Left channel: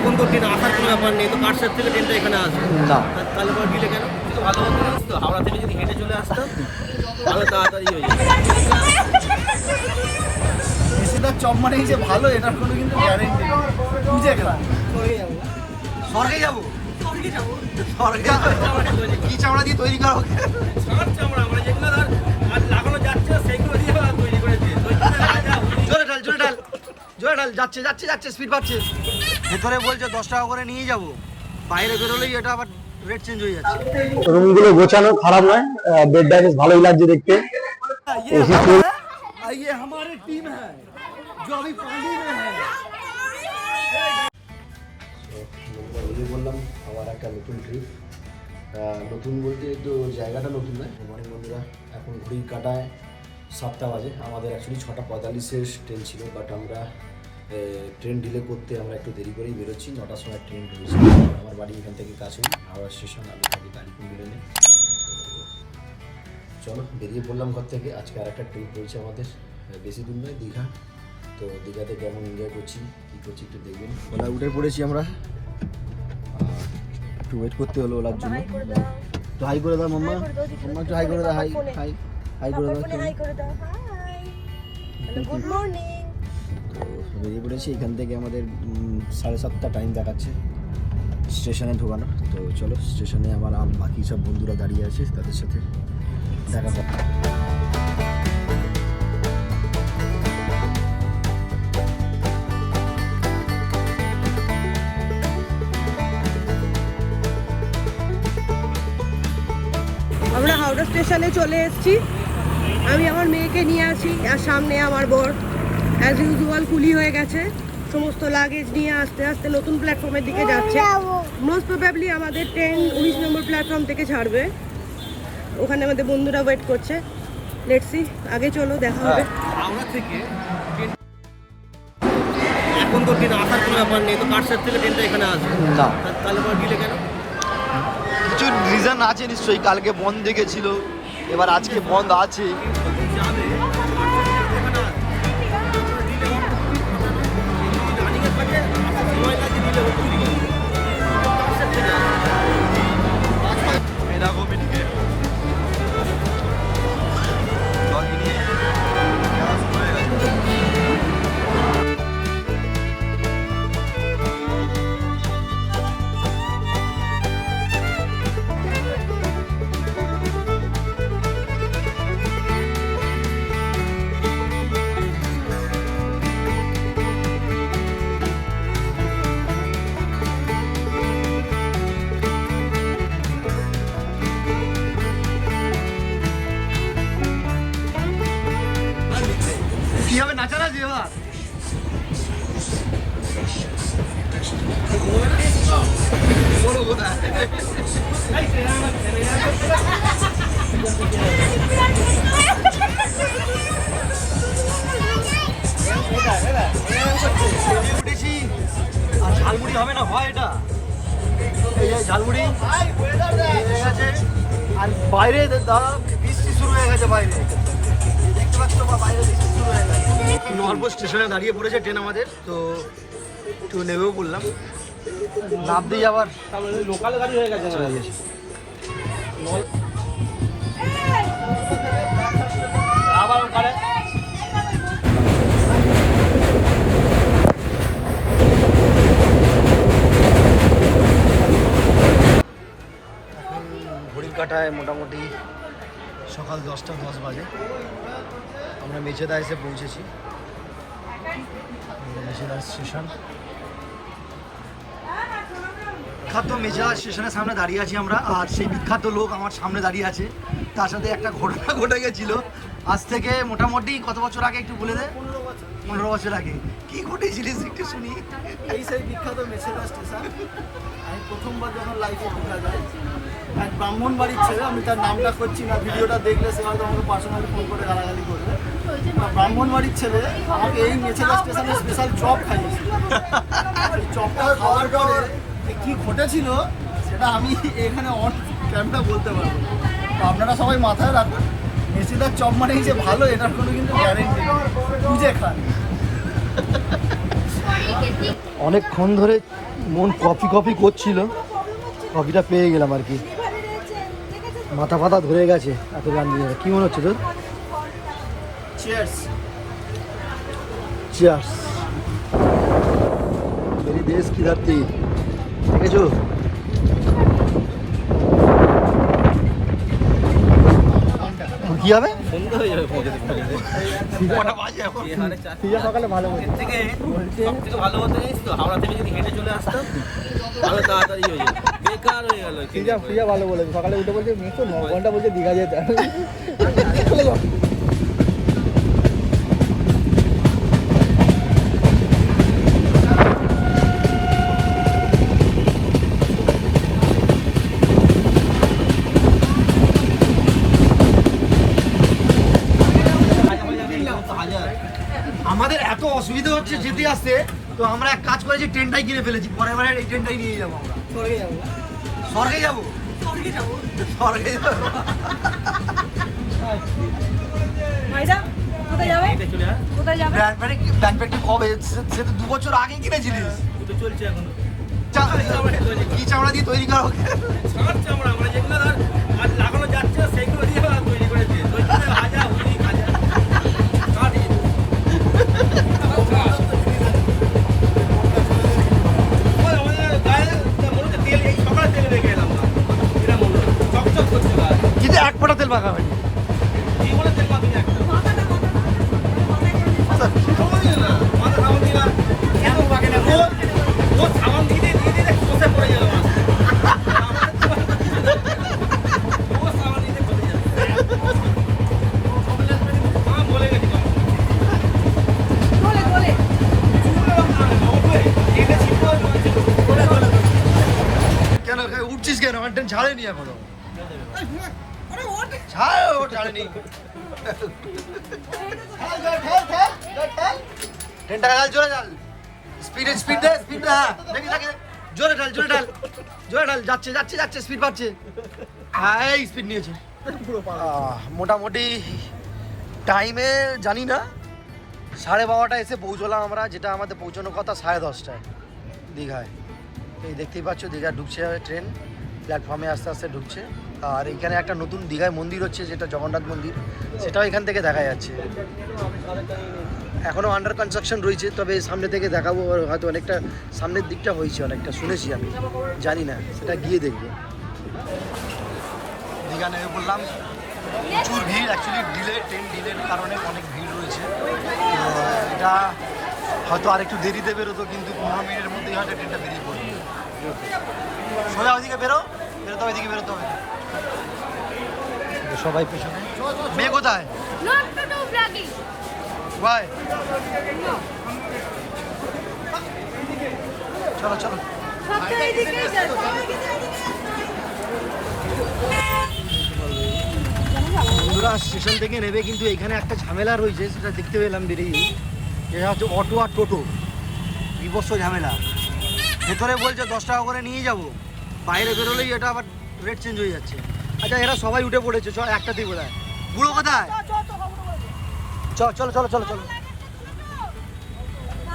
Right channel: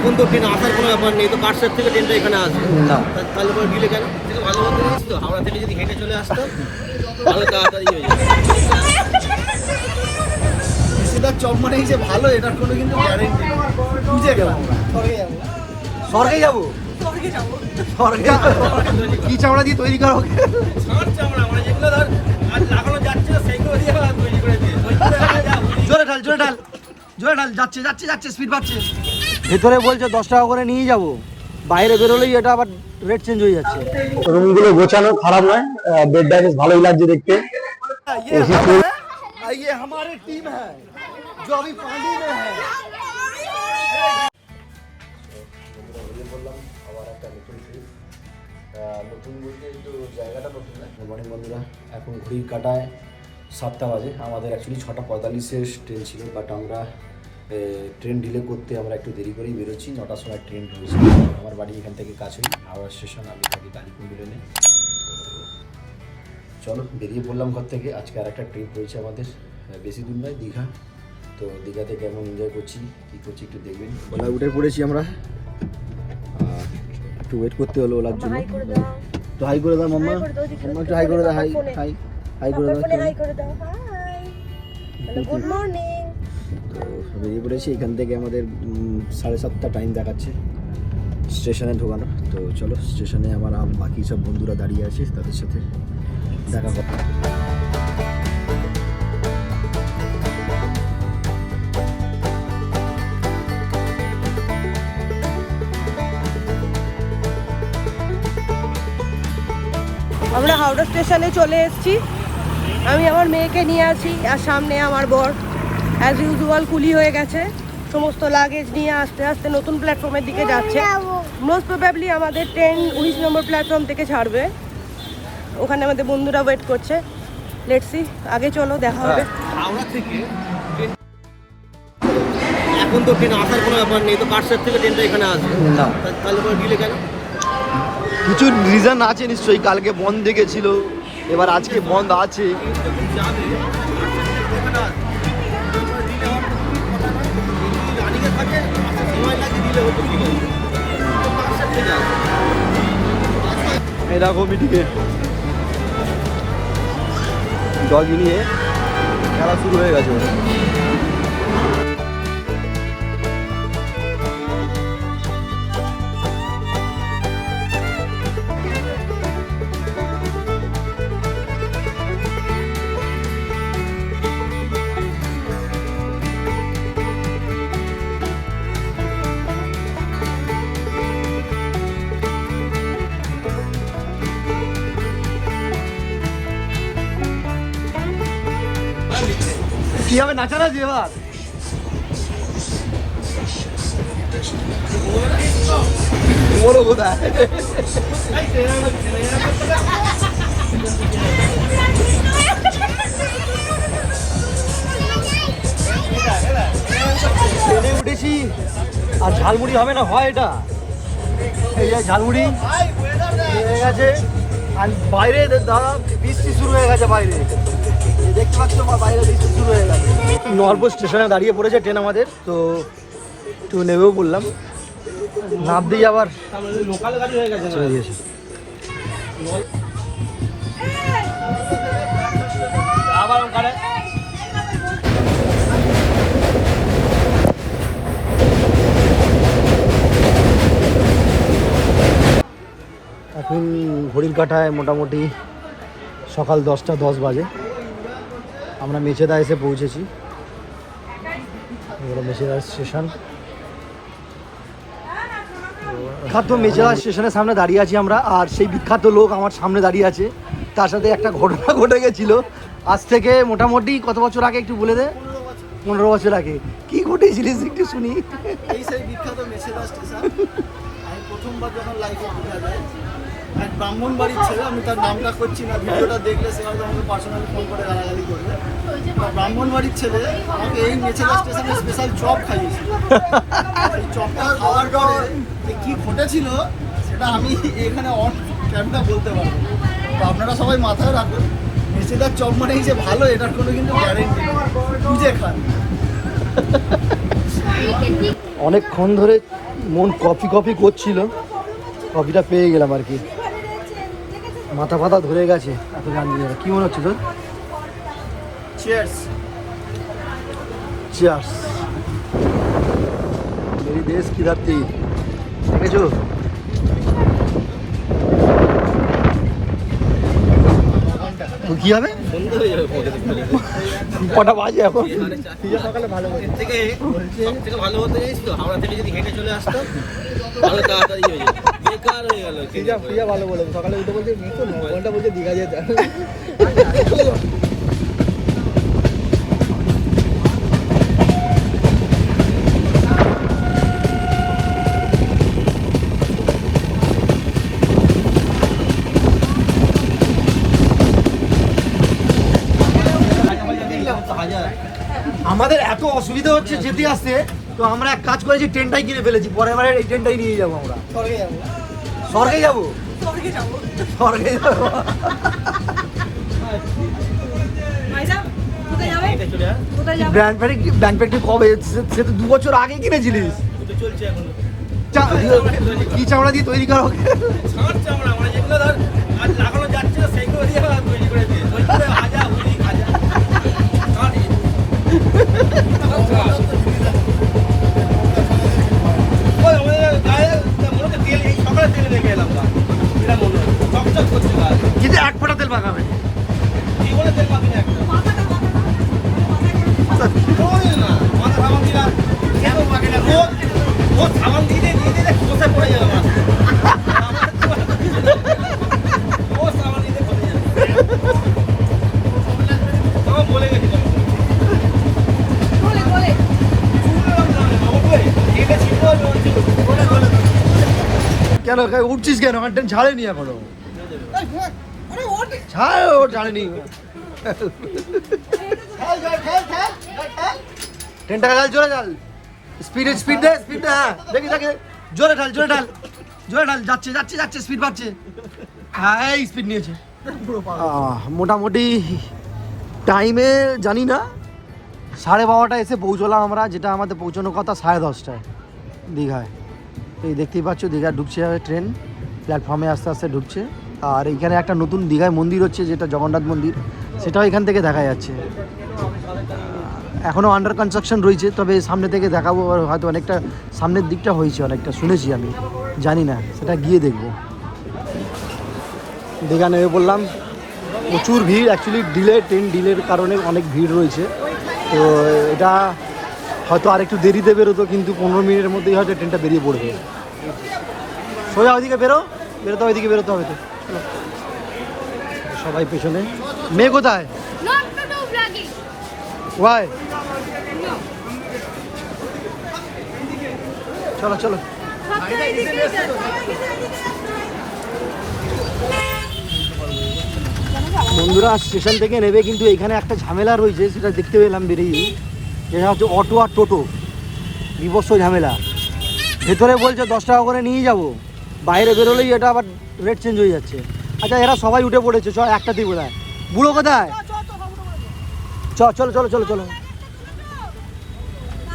এখন তো ট্রেন আসার কোনো ব্যাপার নেই, তো কাটসের থেকে ট্রেনটা এখানে আসবে না। তাহলে পরে ডিলে কেন? কিছু ভালো মতো জানিস তো, হাওড়া থেকে যদি হেঁটে চলে আসতো ভালো তাড়াতাড়ি হয়ে যেত। বেশিরভাগ চপ মানেই যে ভালো এটার কোনো কিন্তু গ্যারেন্টি নেই। বুঝে গেলাম স্বর্গে যাবো স্বর্গে কি চামড়া দিয়ে তৈরি করা হোক। আমরা যেগুলো ধর লাগানো যাচ্ছে সেইগুলো দিয়ে তৈরি করে দিয়ে জোরে ঢাল জোরে ঢাল জোরে ঢাল, যাচ্ছে যাচ্ছে যাচ্ছে স্পিড পাচ্ছে। ভেতরে বলছে 10 টাকা করে নিয়ে যাব, বাইরে বেরোলেই এটা আবার রেট চেঞ্জ হয়ে যাচ্ছে। রুমগুলো গোছানো খারাপ নয়, বেডটা বেশ ভালোই লাগছে দেখতে। ये हमारी टीम है जो अभी पानी में है। বললাম আমার একটা নতুন ট্রিপ, নতুন বলতে একটু জায়গাটা নতুন নয়। মর্নিং বন্ধুরা, এখন ঘড়ির কাটায় 7টা বাজে। আমাদের অ্যাকচুয়ালি 6:45-এর ট্রেন ছিল, বাট আমরা ট্রেন ডিলে করতে আমরা একটু দেরি করেই বেরোচ্ছি। 9টার সময় ট্রেন ঢুকেছি। আমার বাড়ি এখান থেকে কাছেই, হাওড়া স্টেশন। আমি থাকি কালীপুর লেনে। চলো বেরিয়ে পড়লাম ঘর থেকে। আজকে আর একটা ট্রিপ রয়েছে আমাদের, বেশি দূর নয়, দীঘা। তো দীঘাতে কেমন এনজয় করছি কী করছি একটু দেখবেন। ওলা উঠে পড়েছি আমরা, একটু ওয়েট করতে হলো ওলার জন্য। তো হাই করে দাও মাম্মা, মাম্মা একটু হাই করে দাও। হাই হাই হাই করে দাও। তো বেরিয়ে পড়েছি। এখান থেকে আমাদের 7:30 টাইম দেখাচ্ছে স্টেশনে ঢোকানো। তো চলো স্টেশনে আমার বাকি সব বন্ধুরা দাঁড়িয়ে আছে, তাদের সাথে দেখা যাক। আমরা হাওড়া স্টেশনে চলে এসেছি। আমি আমার মেয়েকে নিয়ে আছি, আর সামনে আমার বর অ্যাজ ইউজুয়াল কুলি হয়ে গেছে, সমস্ত লাগেজ নিয়ে আস্তে আস্তে নতুন প্ল্যাটফর্মের দিকে যাচ্ছে। মোস্ট প্রবাবলি আমাদের ট্রেন 19 নম্বর প্ল্যাটফর্ম থেকে ছাড়বে। ওখানে আমাদের বন্ধুরা ওয়েট করছে। লেটস সি, আগে চলো দেখা হবে। হাওড়া থেকে ট্রেন এখন তো ট্রেন আসার কোনো ব্যাপার নেই, তো কাটসের থেকে ট্রেনটা এখানে আসবে না, তাহলে পরে ডিলে কেন? কিছু রিজন আছে নিশ্চয়ই। কালকে বন্ধ দেখেছিল, এবার আজকে বন্ধ আছে। যাবে কাটসের থেকে এখানে আসবে, ডিলে হওয়ার তো খুবই কথা নয়। যদি রানিংয়ে থাকে সময় লাগে, ডিলে হতে ঠিক আছে, কাটসের থেকে আসবে। এরকমই টিকিট ডগি নিয়ে খেলা শুরু হয়ে গেছে ওটা। কি হবে নাচানাচি এবার? বড় কোথায়? ট্রেনে উঠেছি আর ঝালমুড়ি হবে না, হয় এটা? এই যে ঝালমুড়ি হয়ে গেছে, আর বাইরে দাদা বৃষ্টি শুরু হয়ে গেছে। বাইরে দেখতে পাচ্ছ বাইরে বৃষ্টি শুরু হয়ে গেছে। নলপুর স্টেশনে দাঁড়িয়ে পড়েছে ট্রেন আমাদের, তো একটু নেমেও পড়লাম। নাম দিয়ে আবার লোকাল গাড়ি হয়ে গেছে চলে গেছে। এখন ঘড়ির কাঁটায় মোটামুটি সকাল 10:10 বাজে। আমরা মেচেদা এসে পৌঁছেছি। মেচেদা স্টেশন, বিখ্যাত মেচেদা স্টেশনের সামনে দাঁড়িয়ে আছি আমরা। আর সেই বিখ্যাত লোক আমার সামনে দাঁড়িয়ে আছে, তার সাথে একটা ঘটনা ঘটে গেছিলো আজ থেকে মোটামুটি কত বছর আগে, একটু বলে দে। 15 বছর আগে। কি ঘটেছিলিস একটু শুনি। এই সেই বিখ্যাত মেচেদা স্টেশন। আমি প্রথমবার যখন লাইভে দেখা যায়, এক ব্রাহ্মণ বাড়ির ছেলে, আমি তার নামটা করছি না, ভিডিওটা দেখলে সে হয়তো আমাকে পার্সোনালি ফোন করে গালাগালি করবে। ব্রাহ্মণ বাড়ির ছেলে আমাকে এই মেচেদা স্টেশনে স্পেশাল চপ খাইয়েছিল। চপটা খাওয়ার পরে যে কী ঘটেছিল সেটা আমি এখানে অন ক্যামেরা বলতে পারবো না। তো আপনারা সবাই মাথায় রাখুন, মেচেদার চপ মানেই যে ভালো এটার কোনো কিন্তু গ্যারেন্টি নেই। বুঝে খান। অনেকক্ষণ ধরে মন কফি কফি করছিল, কফিটা পেয়ে গেলাম আর কি। মাথা ফাথা ধরে গেছে এত গান নিয়ে। কি মনে হচ্ছে তোর? চিয়ার্স। চিয়ার্স। मेरी देश की धरती দেখেছো? কি হবে? কটা বাজে এখন? সকালে ভালো থেকে ভালো হতে জানিস তো, হাওড়া থেকে যদি হেঁটে চলে আসতাম আরো তাড়াতাড়ি হয়ে যেত। বেকার হয়ে গেল। প্রিয়া ভালো বলে সকালে উঠে বলছে 9 ঘন্টা বলছে দীঘা যেতে। আমাদের এত অসুবিধা হচ্ছে যেতে আসতে, তো আমরা এক কাজ করেছি, ট্রেনটাই কিনে ফেলেছি। পরের বারে এই ট্রেনটাই নিয়ে যাবো আমরা। স্বর্গে যাবো। স্বর্গে যাবো? স্বর্গে যাবো। হেঁটে চলে আয়। ব্যান্ড প্যাকটি কবে? সে তো 2 বছর আগে কিনেছিলিস। তো চলছে এখন। কি চামড়া দিয়ে তৈরি করা? ষাঁড় চামড়া, আমরা যেগুলো ধর আজ লাগানো যাচ্ছে না সেগুলো দিয়ে আমরা তৈরি করে দিই। ওইখানে হাজা হুলি খাজা ষাঁড়। ওই আমাদের গায়ে মনে হচ্ছে তেল, এই সকালে তেল রেখে এলাম না, এরা মনে হয় চকচক করছে গায়ে। কিন্তু এক ফোঁটা তেল মাখাবে। কি বলে তেল পাবি না একটা ওই না মাথা সাবান দিই না, কেন পাকে না ও সাবান দিয়ে দিয়ে খসে পড়ে যাবে মাথা। ও সাবান দিয়ে খসে যাবে। আমার বলে গেছি কেন উঠছিস কেন? আমার ট্রেন ছাড়েনি এখনো। ছাড়, ও ছাড়েনি। ট্রেনটা ঢাল, জোরে ঢাল। স্পিড দে, স্পিড দে। হ্যাঁ দেখি দেখি, জোরে ঢাল, জোরে ঢাল, জোরে ঢাল। যাচ্ছে যাচ্ছে যাচ্ছে, স্পিড পাচ্ছে। হ্যাঁ এই স্পিড নিয়েছে। মোটামুটি টাইমে জানি না 12:30 এসে পৌঁছলাম আমরা, যেটা আমাদের পৌঁছানোর কথা 10:30টায় দীঘায়। এই দেখতেই পাচ্ছ দীঘা ঢুকছে ট্রেন, প্ল্যাটফর্মে আস্তে আস্তে ঢুকছে। আর এখানে একটা নতুন দীঘায় মন্দির হচ্ছে, যেটা জগন্নাথ মন্দির, সেটাও এখান থেকে দেখা যাচ্ছে। এখনও আন্ডার কনস্ট্রাকশন রয়েছে, তবে সামনে থেকে দেখাবো। হয়তো অনেকটা সামনের দিকটা হয়েছে, অনেকটা শুনেছি আমি, জানি না, সেটা গিয়ে দেখব। দীঘা নেমে পড়লাম, প্রচুর ভিড়। অ্যাকচুয়ালি ট্রেন ডিলের কারণে অনেক ভিড় রয়েছে। তো এটা হয়তো আরেকটু দেরিতে বেরোতো, কিন্তু 15 মিনিটের মধ্যেই হয়তো ট্রেনটা বেরিয়ে পড়বে। সোজা ওইদিকে বেরোতে ওইদিকে বেরোতে হবে তো। সবাই পেছনে। মেয়ে কোথায়? ওয়াই চলো চলো। বন্ধুরা স্টেশন থেকে নেবে কিন্তু এখানে একটা ঝামেলা রয়েছে, সেটা দেখতে পেলাম বেরিয়ে, যেটা হচ্ছে অটো আর টোটো, বিভৎস ঝামেলা। ভেতরে বলছে 10 টাকা করে নিয়ে যাব, বাইরে বেরোলেই এটা আবার রেট চেঞ্জ হয়ে যাচ্ছে। আচ্ছা এরা সবাই উঠে পড়েছে, চল একটাতেই বোধহয়। বুড়ো কোথায়? চলো চলো চলো চলো।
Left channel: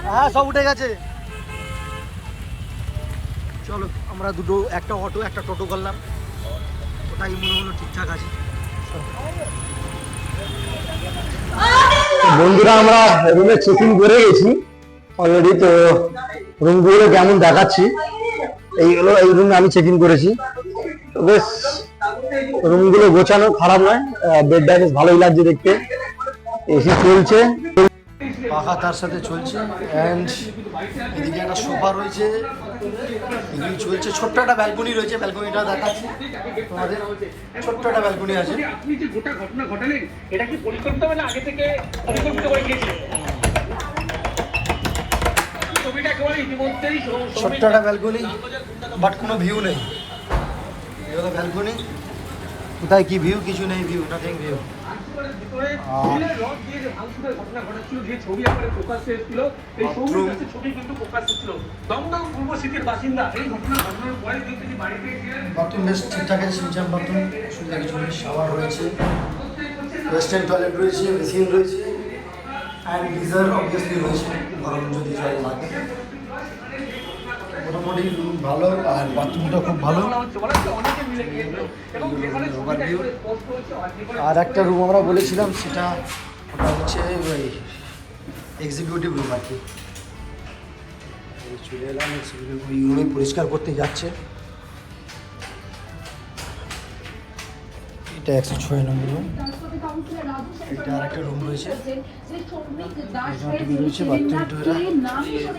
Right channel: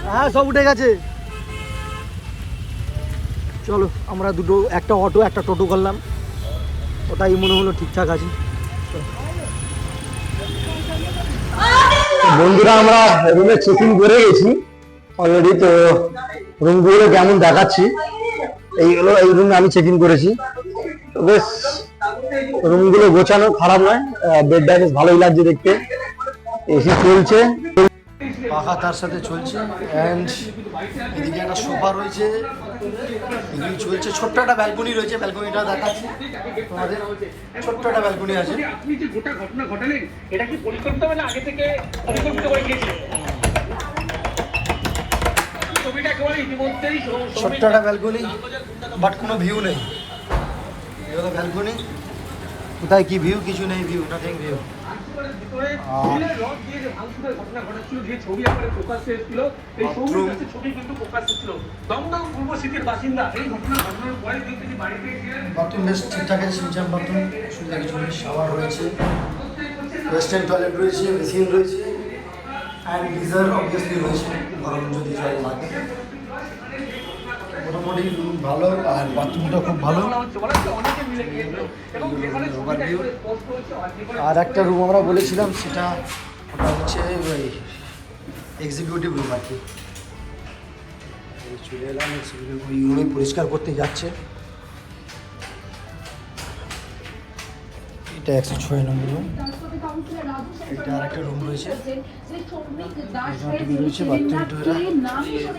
হ্যাঁ সব উঠে গেছে। চলো আমরা একটা অটো একটা টোটো করলাম, ওটাই মনে হলো ঠিকঠাক আছে। বন্ধুরা আমরা রুমে চেক ইন করে গেছি অলরেডি। তো রুমগুলো কেমন দেখাচ্ছি, এই রুমে আমি চেক ইন করেছি। তো বেশ রুমগুলো গোছানো, খারাপ নয়, বেডটা বেশ ভালোই লাগছে দেখতে। এসি চলছে, পাখা তার সাথে চলছে, অ্যান্ড এদিকে একটা সোফা রয়েছে, এগুলি চলছে। ছোট্ট একটা ব্যালকনি রয়েছে, ব্যালকনিটা দেখাচ্ছি তোমাদের। ছোট্ট একটা ব্যালকনি আছে। আপনি যে গোটা ঘটনা ঘটালেন, এটা কি পরিকল্পিতভাবে আগে থেকে পরিকল্পিত করে গিয়েছিলেন? ছবিটা একেবারে ইতিমধ্যেই ছোট্ট একটা ব্যালকনি, বাট কোনো ভিউ নেই। এই হলো ব্যালকনি, কোথায় কি ভিউ? কিছু নেই ভিউ, নাথিং ভিউ। ঘটনা ঘটাচ্ছিল, যে ছবি আমাদের ফোকাস এসেছিল, এই ছবি কিন্তু ফোকাস ছিল। দমদম পূর্ব সিটির বাসিন্দা এই ঘটনা ঘটনার পরে কিন্তু বাড়িতে বাথরুম বেশ ঠিকঠাক আছে, সিনচাম বাথরুম, সুবিধা কিছু নেই। শাওয়ার রয়েছে, ওয়েস্টার্ন টয়লেট রয়েছে, মেশিন রয়েছে, অ্যান্ড গিজার অবভিয়াসলি রয়েছে, গরম যদি জল লাগে। মোটামুটি রুম ভালো আর বাথরুমটা খুব ভালো। আর একটা রুম আমরা বলেছিলাম সেটা ওটা হচ্ছে ওই এক্সিকিউটিভ রুম আর কি। চলে এলাম এক্সিকিউটিভ ওই রুমে পরিষ্কার করতে যাচ্ছে। এটা 106 নম্বর রুম। এটা আর একটা রুম রয়েছে, রয়েছে বাথরুমটা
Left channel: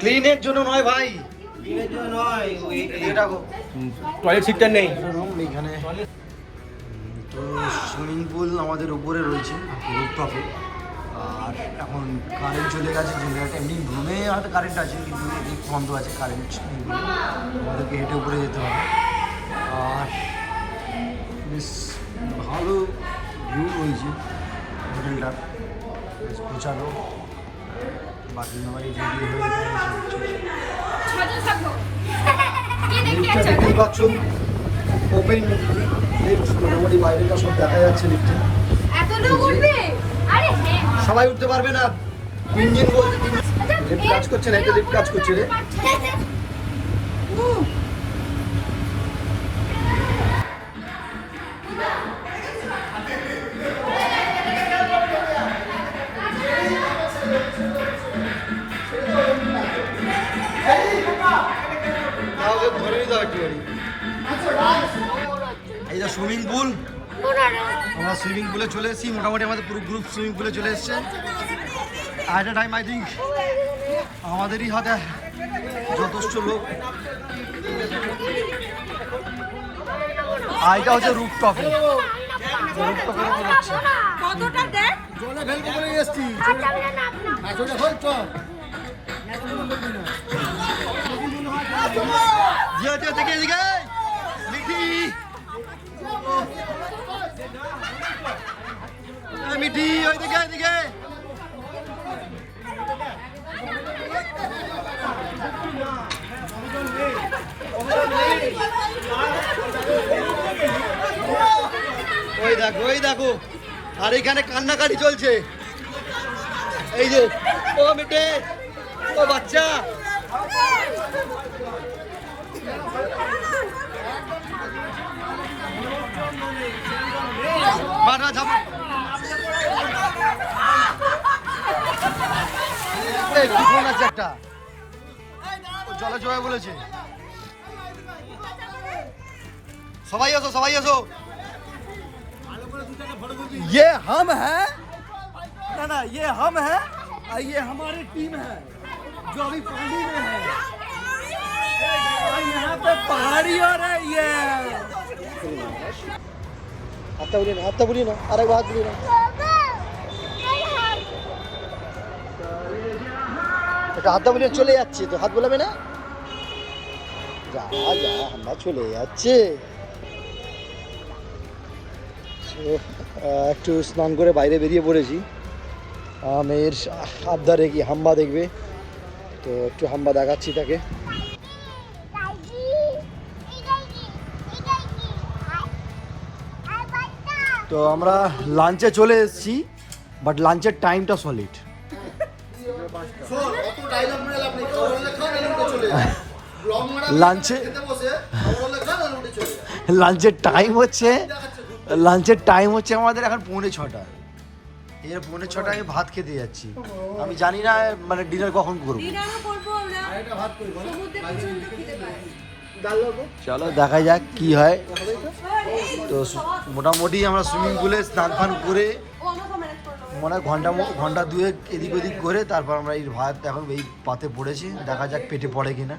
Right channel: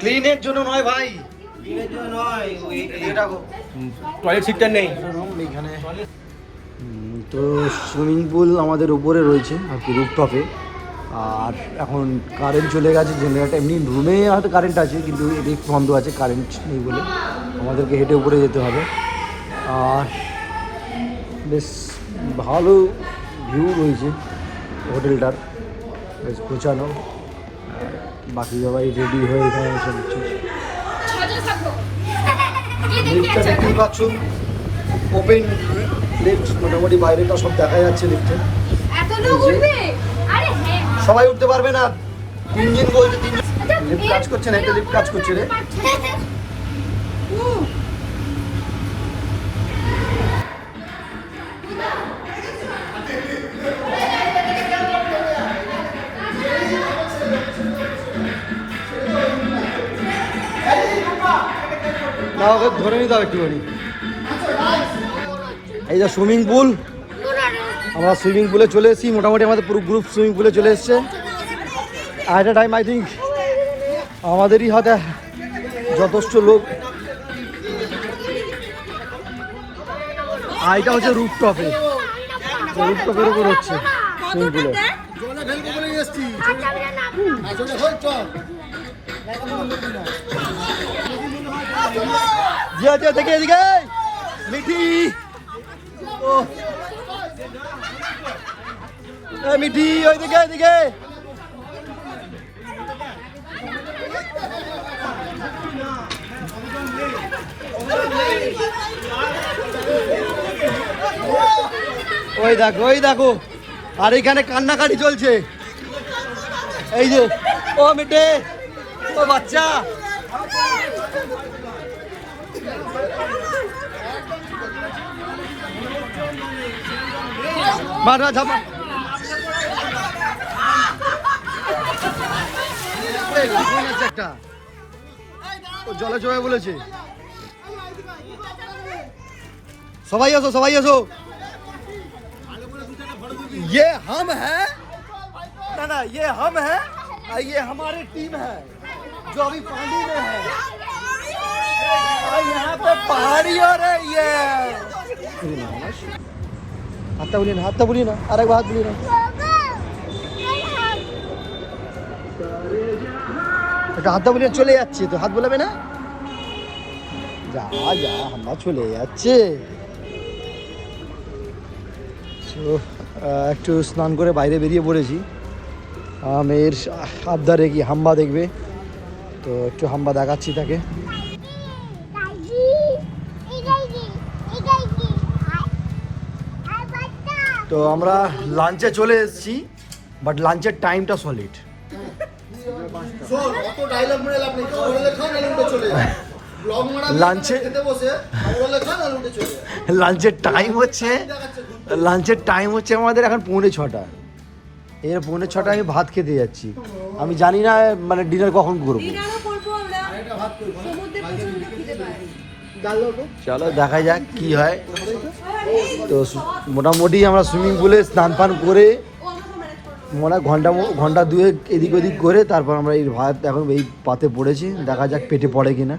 ক্লিনের জন্য নয় ভাই, ক্লিনের জন্য নয়, এটা টয়লেট সিটটা নেই রুম এইখানে। তো সুইমিং পুল আমাদের উপরে রয়েছে আর কি রুফটপে। আর এখন কারেন্ট চলে গেছে, জেনারেটর এমনি রুমে হয়তো কারেন্ট আছে কিন্তু লিফট বন্ধ আছে, কারেন্ট নেই বলে আমাদেরকে হেঁটে উপরে যেতে হবে। আর বেশ ভালো ভিউ রয়েছে হোটেলটার, বেশ গোছানো। বাকি সবাই রেডি হয়ে এখানে এসে লিফটটা দেখতে পাচ্ছ, ওপেন লিফট, মোটামুটি বাইরেটা সব দেখা যাচ্ছে লিফটে। সবাই উঠতে পারবে না, তিনজন বলছে, তিনজন লিফট কাজ করছে না, একটা লিফট কাজ করছে রে। ধরে নিতে হবে একটুখানি। এই যে সুইমিং পুল, আমরা সুইমিং পুলে চলে এসেছি, মোটামুটি আমাদের পুরো গ্রুপ সুইমিং পুলে চলে এসছে। আর একটা টাইম আই থিঙ্ক আমাদেরই হাতে যথেষ্ট লোক। আর এটা হচ্ছে রুফটপে, রুফটপের উপর হচ্ছে সুইমিং পুলে। দেখে এদিকে মিঠি, ও মিঠি ওই দিকে এদিকে। ওই দেখো, ওই দেখো, আর এখানে কান্নাকাটি চলছে। এই যে ও মিঠে, ও বাচ্চা, মারা ঝাপা একটা ও জলে জয় বলেছে। সবাই আসো, সবাই আসো। ये हम है ना ना, ये हम है और ये हमारी टीम है जो अभी पानी में है। और यहाँ पे पहाड़ी हो रही है। हाथ बोलिए ना, अरे हाथ बोलिए ना। হাতটা বলে চলে যাচ্ছে, তো হাত বলাবে না, যা যা আমরা চলে যাচ্ছে। একটু স্নান করে বাইরে বেরিয়ে পড়েছি। মেয়ের আবদারে কি হাম্বা দেখবে, তো একটু হাম্বা দেখাচ্ছি তাকে। তো আমরা লাঞ্চে চলে এসেছি, বাট লাঞ্চের টাইমটা সলিড। লাঞ্চের টাইম হচ্ছে আমাদের এখন 5:45। এর 5:45 আমি ভাত খেতে যাচ্ছি। আমি জানি না মানে ডিনার কখন করবো। চলো দেখা যাক কি হয়। তো মোটামুটি আমরা সুইমিং পুলে স্নান ফান করে মনে ঘন্টা দুয়েক এদিক ওদিক করে তারপর আমরা এই ভাত এখন এই পাতে পড়েছি। দেখা যাক পেটে পড়ে কিনা।